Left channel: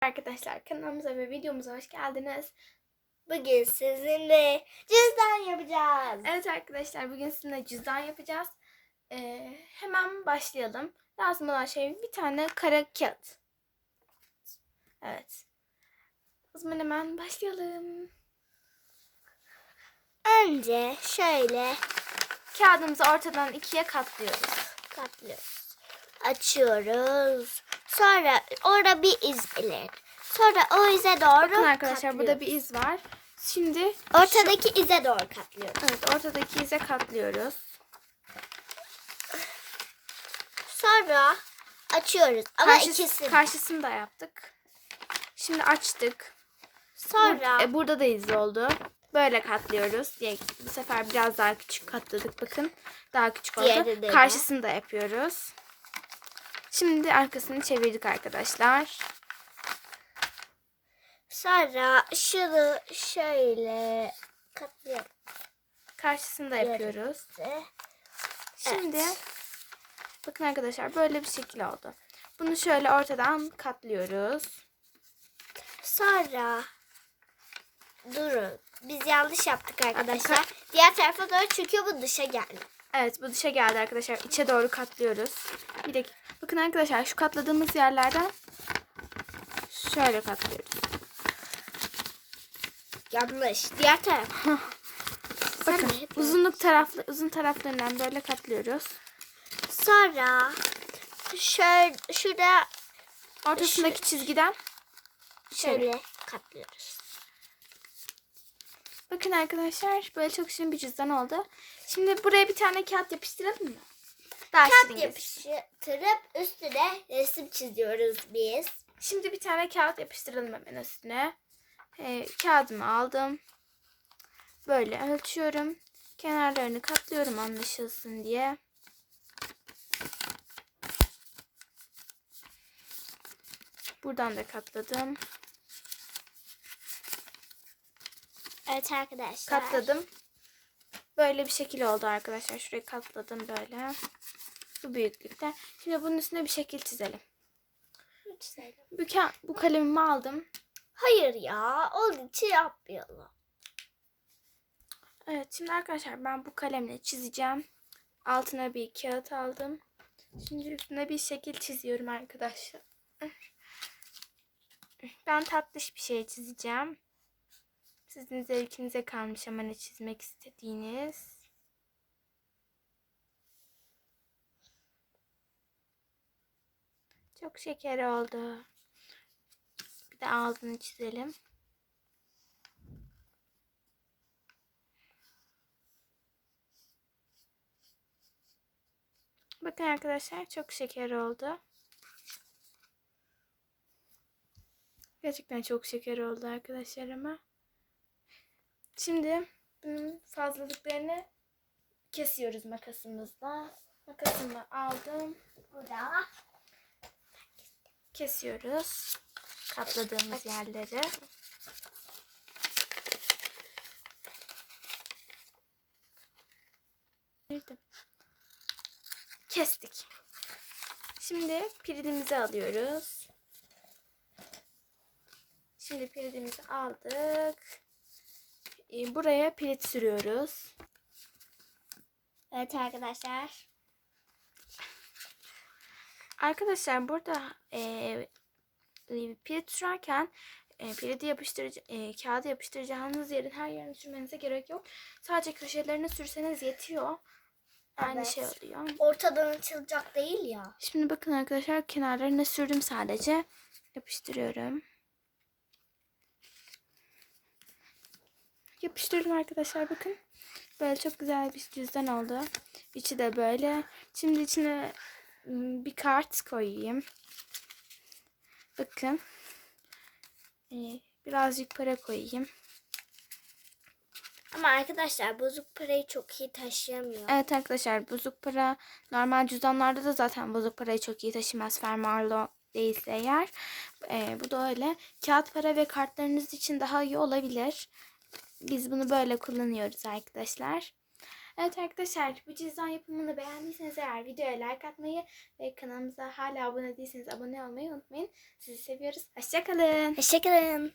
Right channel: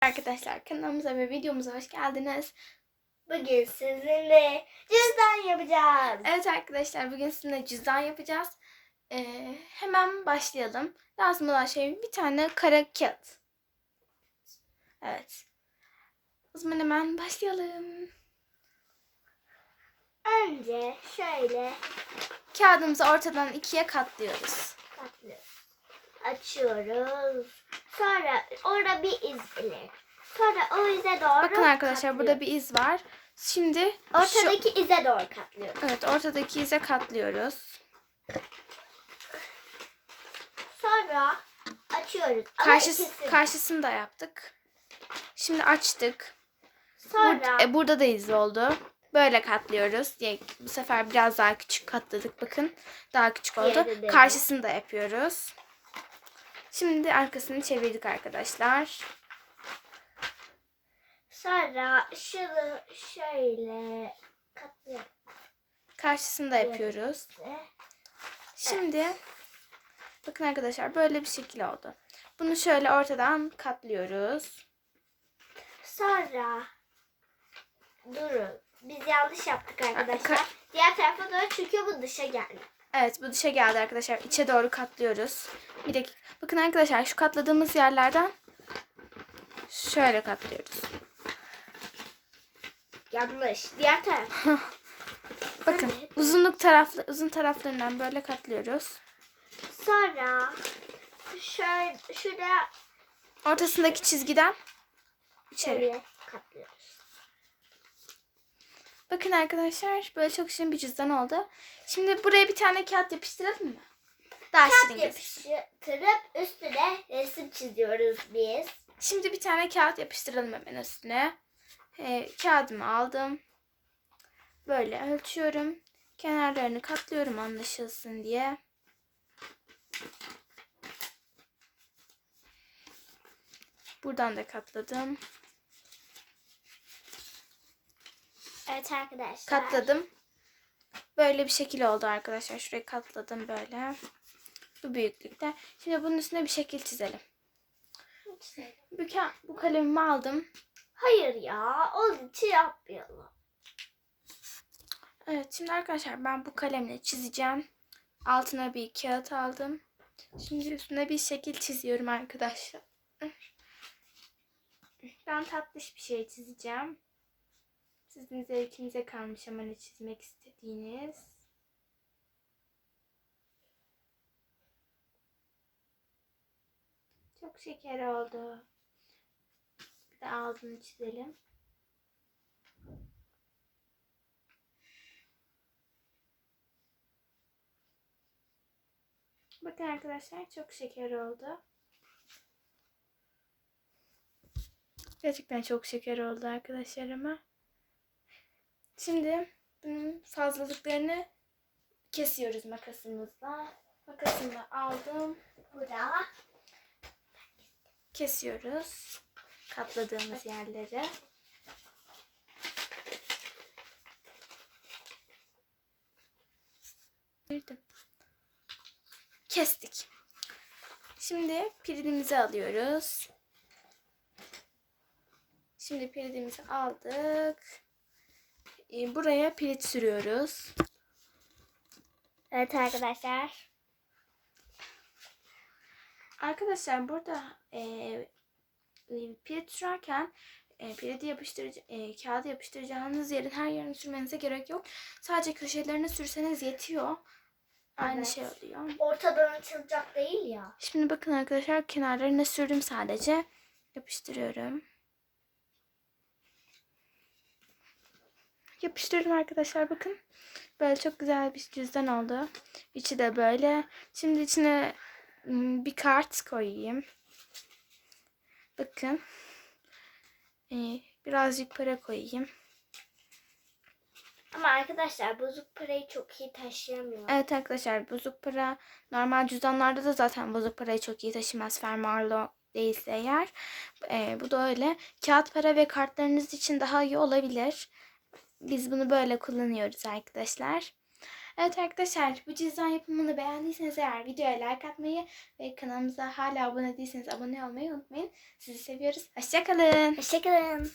Arkadaşlar kanalımıza ve videomuza hoş geldiniz. Bugün sizinle cüzdan yapacağız. Evet arkadaşlar bugün sizinle cüzdan yapacağız. Ee, hemen başlayalım. Lazım olan şey bir tane kara kağıt. Evet. O zaman hemen başlayalım. Önce şöyle Kağıdımızı ortadan ikiye katlıyoruz. katlıyoruz. Açıyoruz. Sonra orada bir iz belirli. Sonra o ize doğru Bakın arkadaşlar burada katlıyoruz. bir iz var. Şimdi şu- Ortadaki ize doğru katlıyoruz. evet ortadaki ize katlıyoruz. Sonra açıyoruz. Ama Karşı, ikisi. karşısını da yaptık. Şimdi açtık. Sonra Bur- e, burada da iz oldu. Böyle katlıyoruz. Diye bu sefer biraz daha küçük katladık. Bakın daha küçük oldu. Karşısını da yapıyoruz. Şimdi arkasını çevirdik arkadaşlar. sonra şunu şöyle katlayalım. Karşısını da yapıyoruz. Şimdi bakın arkadaşlar böyle bir şekil oldu. Bunu şöyle ortadan katlıyoruz. Sonra durun. Biz yanlış yaptık arkadaşlar. Diğer tarafa doğru çünkü bu dışa geldi. Evet bu dışa geldi arkadaşlar. İçe doğru katlıyoruz. Bir dakika. Bakın arkadaşlar şu katladığımız yerlerden şöyle katlıyoruz. Yanlış. Diğer taraf. Bakın uzunluk taraflı uzun taraflarından böyle katlıyoruz. Sonra şöyle şurada Ortasındaki çizgiden şöyle. şöyle katlıyoruz. Bakın arkadaşlar böyle çok şirin bir cüzdan oldu. Şimdi buraya bir tane kağıt yapıştıralım mı? Daha Kağıt yapıştırıp üstüne resim çiziyoruz biz. Şimdi bir tane kağıt yapıştıralım hemen üstüne. Ee, kağıdımı aldım. Böyle ölçüyorum. Kenarlarını katlıyorum anlaşılsın diye. Buradan da katladım. Evet arkadaşlar. Katladım. Böyle bir şekil oldu arkadaşlar. Şurayı katladım böyle. Bu büyüklükte. Şimdi bunun üstüne bir şekil çizelim. Bu, ka- bu kalemimi aldım. Hayır ya. Onun için yapmayalım. Evet şimdi arkadaşlar ben bu kalemle çizeceğim. Altına bir kağıt aldım. Şimdi üstüne bir şekil çiziyorum arkadaşlar. Ben tatlış bir şey çizeceğim. Sizin zevkinize kalmış ama ne çizmek istediğiniz. Çok şeker oldu. Bir de ağzını çizelim. Bakın arkadaşlar çok şeker oldu. Gerçekten çok şeker oldu arkadaşlar ama. Şimdi bunun fazlalıklarını kesiyoruz makasımızla. Makasımla aldım. Burada. Kesiyoruz. Katladığımız yerleri. Kestik. Şimdi pirinimizi alıyoruz. Şimdi pirinimizi aldık. Ee, Buraya pirit sürüyoruz. Evet arkadaşlar. Arkadaşlar burada e, e, pirit sürerken e, piridi yapıştırıcı, e, kağıdı yapıştıracağınız yerin her yerine sürmenize gerek yok. Sadece köşelerine sürseniz yetiyor. Aynı Evet. şey oluyor. Ortadan açılacak değil ya. Şimdi bakın arkadaşlar kenarlarına sürdüm sadece. Yapıştırıyorum. Yapıştırdım arkadaşlar bakın. Böyle çok güzel bir cüzdan oldu. İçi de böyle. Şimdi içine ım, bir kart koyayım. Bakın. Ee, birazcık para koyayım. Ama arkadaşlar bozuk parayı çok iyi taşıyamıyor. Evet arkadaşlar bozuk para normal cüzdanlarda da zaten bozuk parayı çok iyi taşımaz fermuarlı değilse eğer. Ee, bu da öyle. Kağıt para ve kartlarınız için daha iyi olabilir. Biz bunu böyle kullanıyoruz arkadaşlar. Evet arkadaşlar bu cüzdan yapımını beğendiyseniz eğer videoya like atmayı ve kanalımıza hala abone değilseniz abone olmayı unutmayın. Sizi seviyoruz. Hoşçakalın. Hoşçakalın.